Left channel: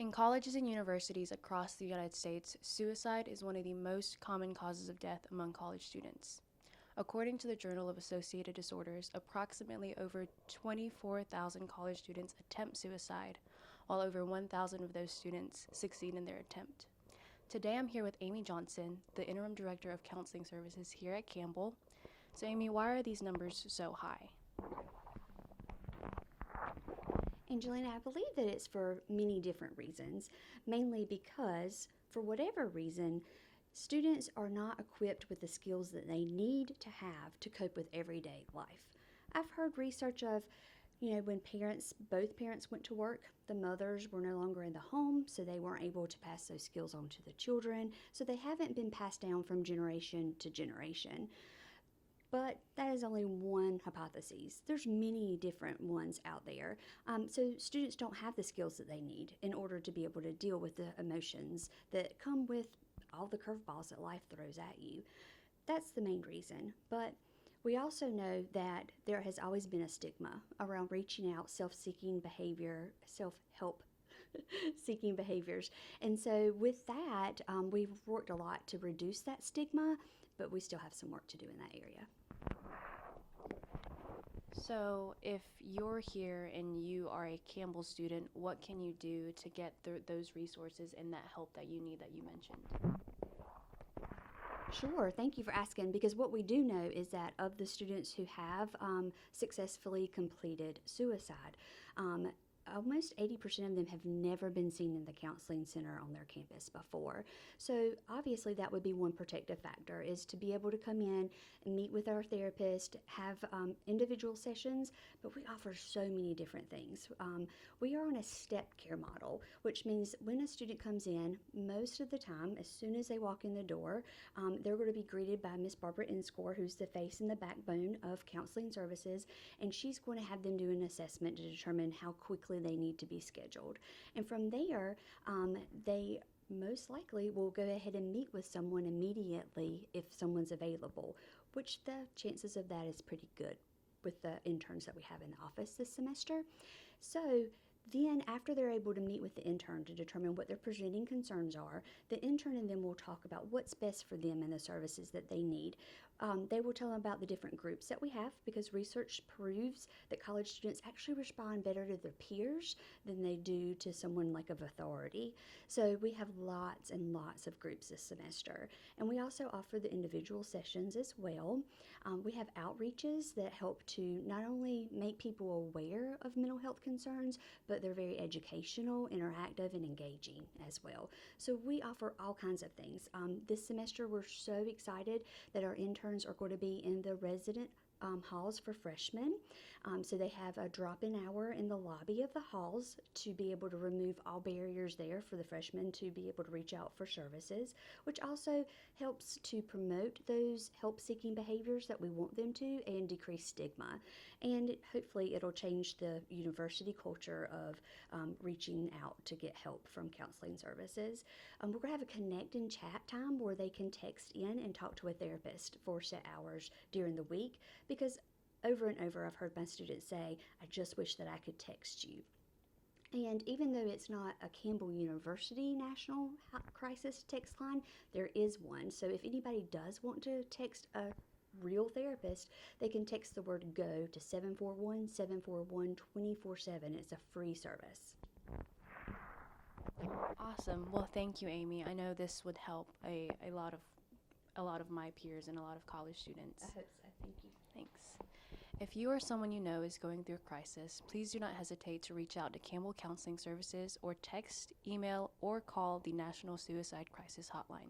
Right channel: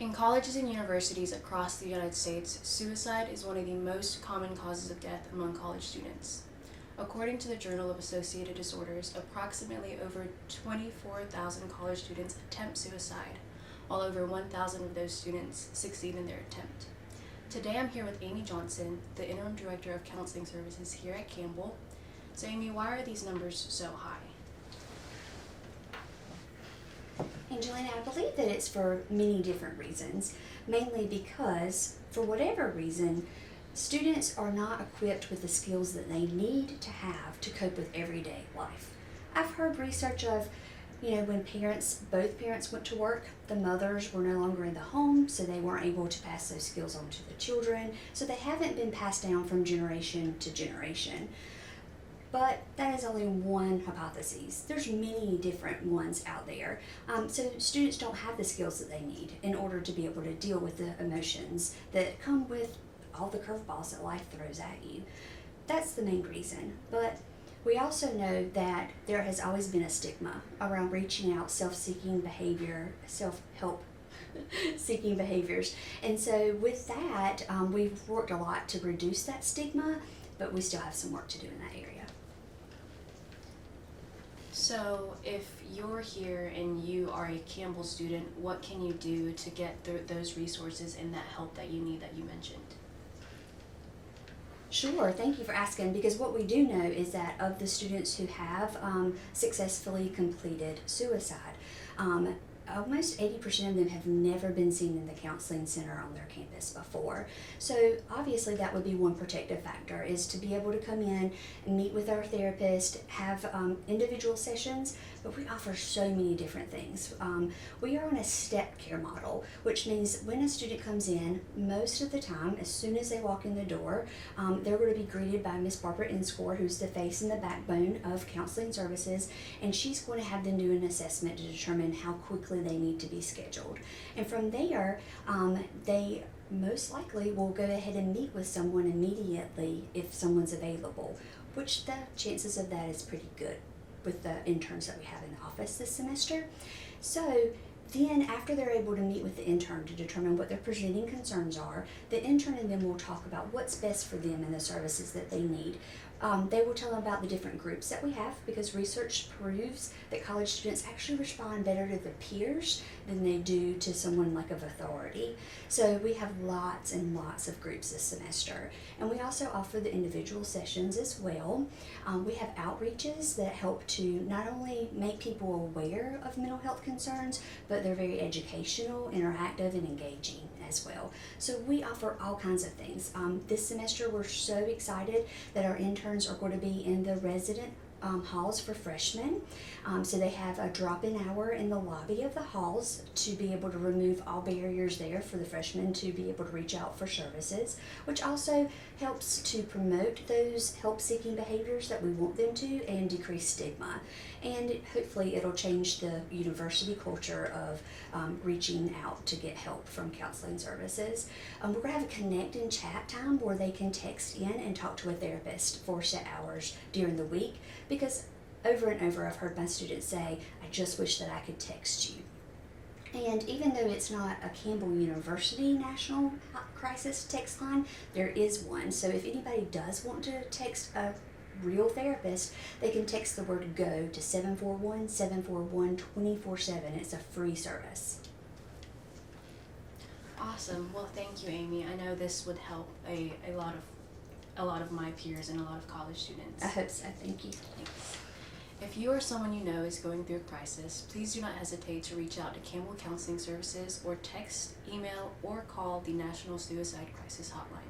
In colleges and universities across the United States, suicide is one of the most common causes of death among college students. According to the Journal of Associated Disorders, approximately over 24,000 college students attempt suicide, while over 1,000 of those students succeed in their attempt. Today I'm here with Amy Johnson, the Interim Director of Counseling Services here at Campbell. So Amy, why are these numbers so high? Angelina, I believe that it's for many different reasons, mainly because, for whatever reason, students are not equipped with the skills that they need to have to cope with everyday life. I've heard research of, when both parents went to work, the mothers were no longer in the home, so they weren't able to pass those skills on to the children, so they haven't been passed down from generation to generation. But that is only one hypothesis. There's many different ones out there. So students don't have the skills that they need in order to be able to deal with the emotions that come with all the curveballs that life throws at you. That's the main reason. But we also know that there has always been a stigma around reaching out, self-seeking behavior, self-help seeking behaviors. And so with that, we've worked a lot to reduce that stigma, but we still have some work to do in that area. So if you're here and you are a Campbell student, what can you do to get those resources and that help that you need that you mentioned? Sure, thank you for asking, because what we do know is that of the students who have successfully completed suicide, almost 80% of them have never been seen in the counseling center on their campus before. So obviously that would be one protective factor, is to be able to come in and meet with our therapist, have individual sessions, but we offer so many different things. We are on a step care model, which means when a student comes in, most of the time, as soon as they walk in the door, they're going to be greeted by Miss Barbara Inscore, who's the face and the backbone of counseling services, and she's going to have them do an assessment to determine how quickly they need to be scheduled. And from there, they most likely will go ahead and meet with someone immediately if someone's available, which the chances of that is pretty good with the interns that we have in the office this semester. So then after they're able to meet with the intern to determine what their presenting concerns are, the intern and them will talk about what's best for them and the services that they need. They will tell them about the different groups that we have, because research proves that college students actually respond better to their peers than they do to someone like of authority. So we have lots and lots of groups this semester. And we also offer the individual sessions as well. We have outreaches that help to not only make people aware of mental health concerns, but they're very educational, interactive, and engaging as well. So we offer all kinds of things. This semester we're so excited that our interns are going to be in the resident halls for freshmen. So they have a drop-in hour in the lobby of the halls to be able to remove all barriers there for the freshmen to be able to reach out for services, which also helps to promote those help-seeking behaviors that we want them to and decrease stigma. And hopefully it'll change the university culture of reaching out to get help from counseling services. We're going to have a connect and chat time where they can text in and talk to a therapist for set hours during the week, because over and over I've heard my students say, I just wish that I could text you. And even though it's not a Campbell University National Crisis text line, there is one. So if anybody does want to text a real therapist, they can text the word GO to 741-741-24/7. It's a free service. Awesome. Well, thank you, Amy. I know this would help a lot of my peers and a lot of college students. I hope so. Thank you. Thanks. If you or someone you know is going through a crisis, please do not hesitate to reach out to Campbell Counseling Services or text, email, or call the National Suicide Crisis Hotline.